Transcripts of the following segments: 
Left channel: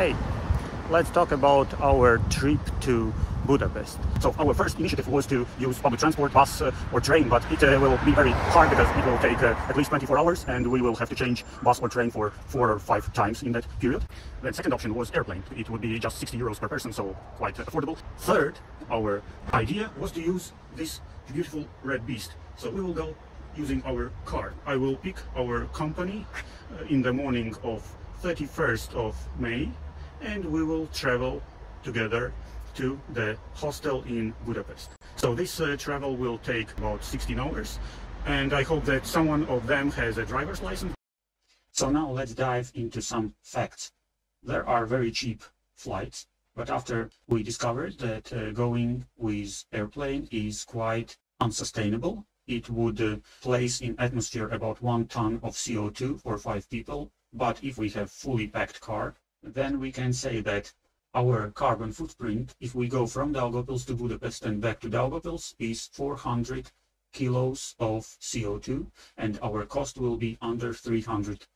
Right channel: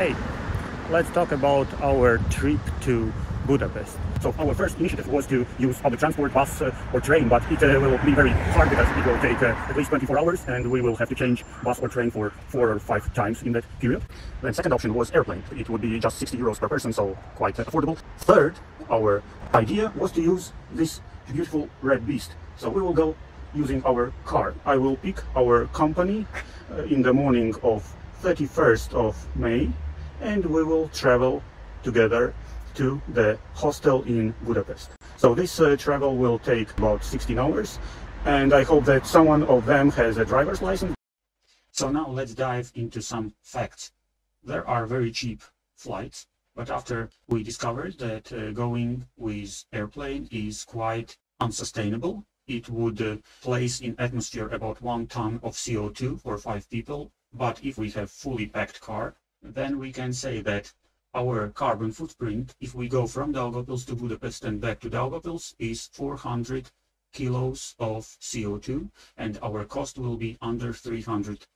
Hey, let's talk about our trip to Budapest. So our first initiative was to use public transport, bus or train, but it will be very hard because it will take at least 24 hours and we will have to change bus or train for 4 or 5 times in that period. Then second option was airplane. It would be just 60 euros per person, so quite affordable. Third, our idea was to use this beautiful red beast. So we will go using our car. I will pick our company in the morning of 31st of May and we will travel together to the hostel in Budapest. So this travel will take about 16 hours and I hope that someone of them has a driver's license. So now let's dive into some facts. There are very cheap flights, but after we discovered that going with airplane is quite unsustainable, it would place in atmosphere about 1 ton of CO2 for 5 people. But if we have fully packed car, then we can say that our carbon footprint, if we go from Daugavpils to Budapest and back to Daugavpils, is 400 kilos of CO2, and our cost will be under 300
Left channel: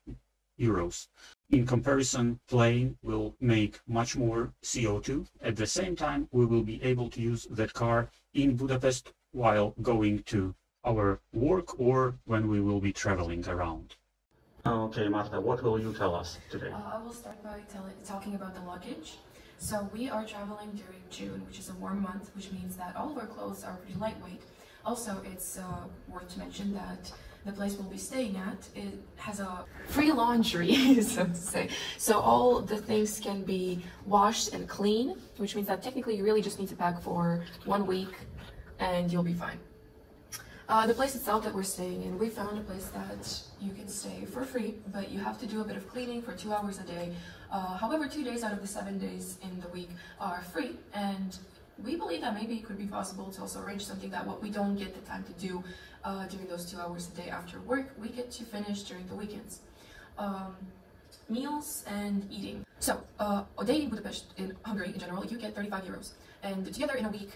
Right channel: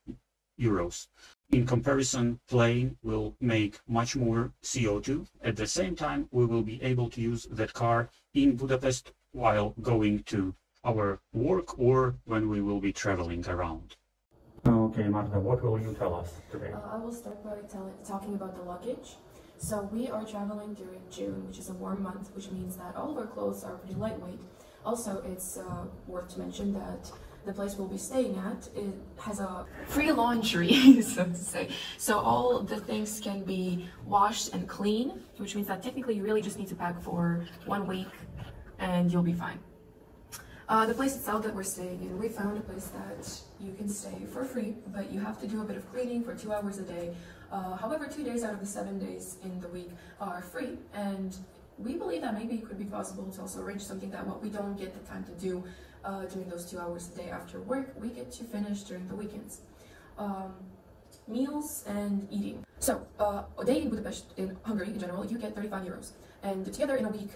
euros. In comparison, plane will make much more CO2. At the same time, we will be able to use that car in Budapest while going to our work or when we will be traveling around. Okay, Marta, what will you tell us today? I will start by talking about the luggage. So we are traveling during June, which is a warm month, which means that all of our clothes are pretty lightweight. Also, it's worth to mention that the place we'll be staying at, it has a free laundry, so to say. So all the things can be washed and clean, which means that technically you really just need to pack for 1 week and you'll be fine. The place itself that we're staying in, we found a place that you can stay for free, but you have to do a bit of cleaning for 2 hours a day. However, 2 days out of the 7 days in the week are free, and we believe that maybe it could be possible to also arrange something that what we don't get the time to do during those 2 hours a day after work, we get to finish during the weekends. Meals and eating. So, a day in Budapest, in Hungary in general, you get 35 euros. And together in a week,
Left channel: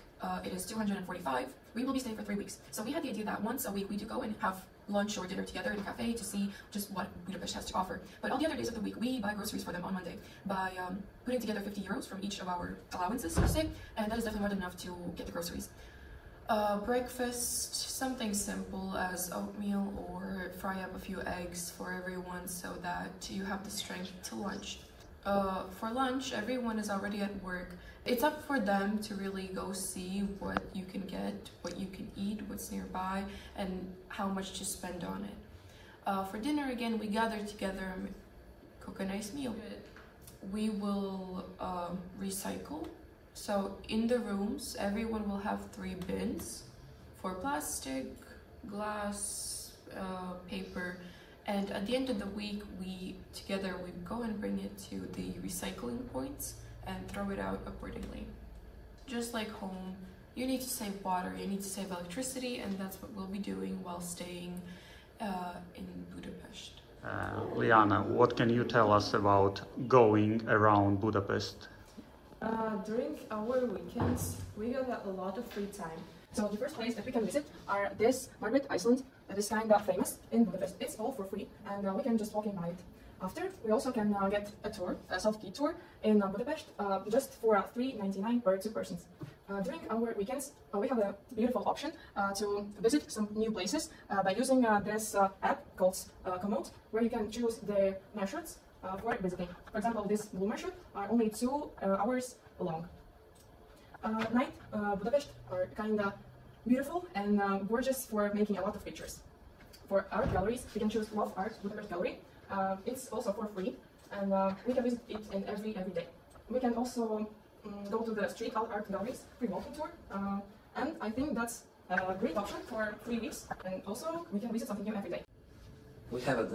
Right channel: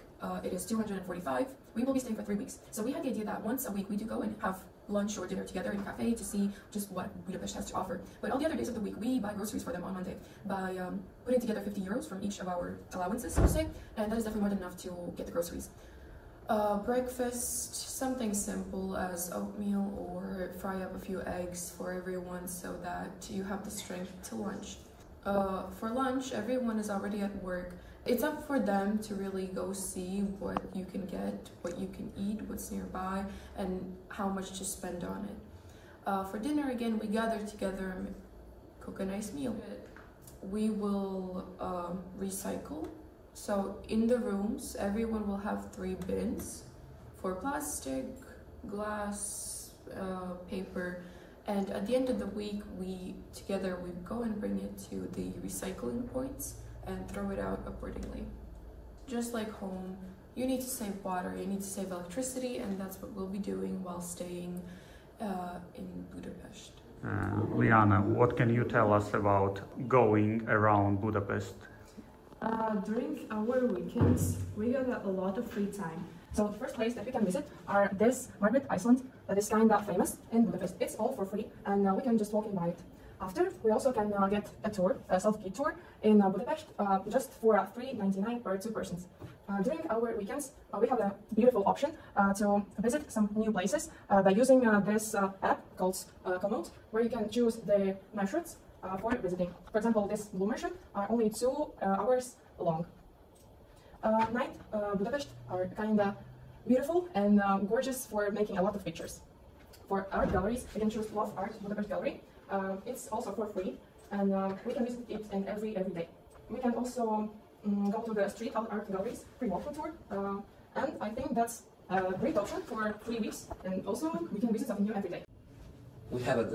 it is 245. We will be staying for 3 weeks. So we had the idea that once a week we do go and have lunch or dinner together in a cafe to see just what Budapest has to offer. But all the other days of the week, we buy groceries for them on Monday by putting together 50 euros from each of our allowances, so to say, and that is definitely more than enough to get the groceries. Breakfast, something simple as oatmeal or fry up a few eggs for everyone so that you have the strength to lunch. For lunch, everyone is already at work. It's up for them to really go see what you can get, what you can eat, what's nearby, and how much to spend on it. For dinner, again, we gather together and cook a nice meal. We will recycle. So in the rooms, everyone will have 3 bins for plastic, glass, paper, and at the end of the week, we go and bring it to the recycling points and throw it out accordingly. Just like home, you need to save water, you need to save electricity, and that's what we'll be doing while staying in Budapest. Liana, what can you tell us about going around Budapest? During our weekends, we got a lot of free time. So the first place that we can visit are this Margaret Iceland that is kind of famous in Budapest. It's all for free and we can just walk by it. After, we also can get a tour, a self-guided tour in Budapest, just for $3.99 per 2 persons. During our weekends, we have a beautiful option to visit some new places by using this app called Komoot, where you can choose the marshruts for visiting. For example, this blue marshroute are only 2 hours long. Night, Budapest are kinda beautiful and gorgeous for making a lot of pictures. For art galleries, you can choose Love Art Budapest Gallery. It's also for free, and we can visit it every day. We can also go to the street art galleries, free walking tour, and I think that's a great option for 3 weeks, and also we can visit something new every day. We have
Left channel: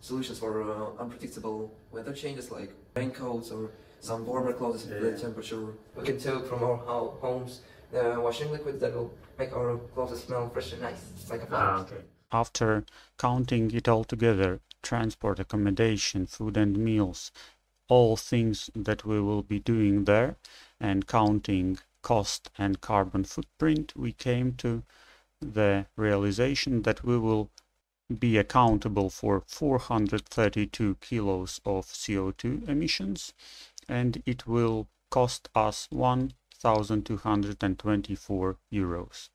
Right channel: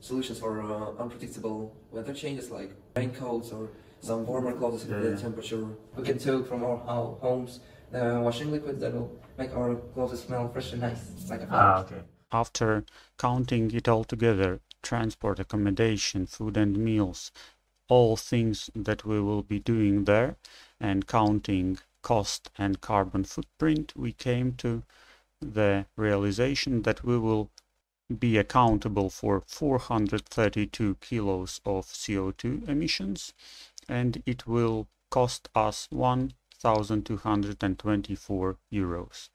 solutions for unpredictable weather changes like raincoats or some warmer clothes if the temperature. We can take from our homes the washing liquid that will make our clothes smell fresh and nice, like a flower. Okay. After counting it all together, transport, accommodation, food and meals, all things that we will be doing there, and counting cost and carbon footprint, we came to the realization that we will be accountable for 432 kilos of CO2 emissions, and it will cost us 1,224 euros.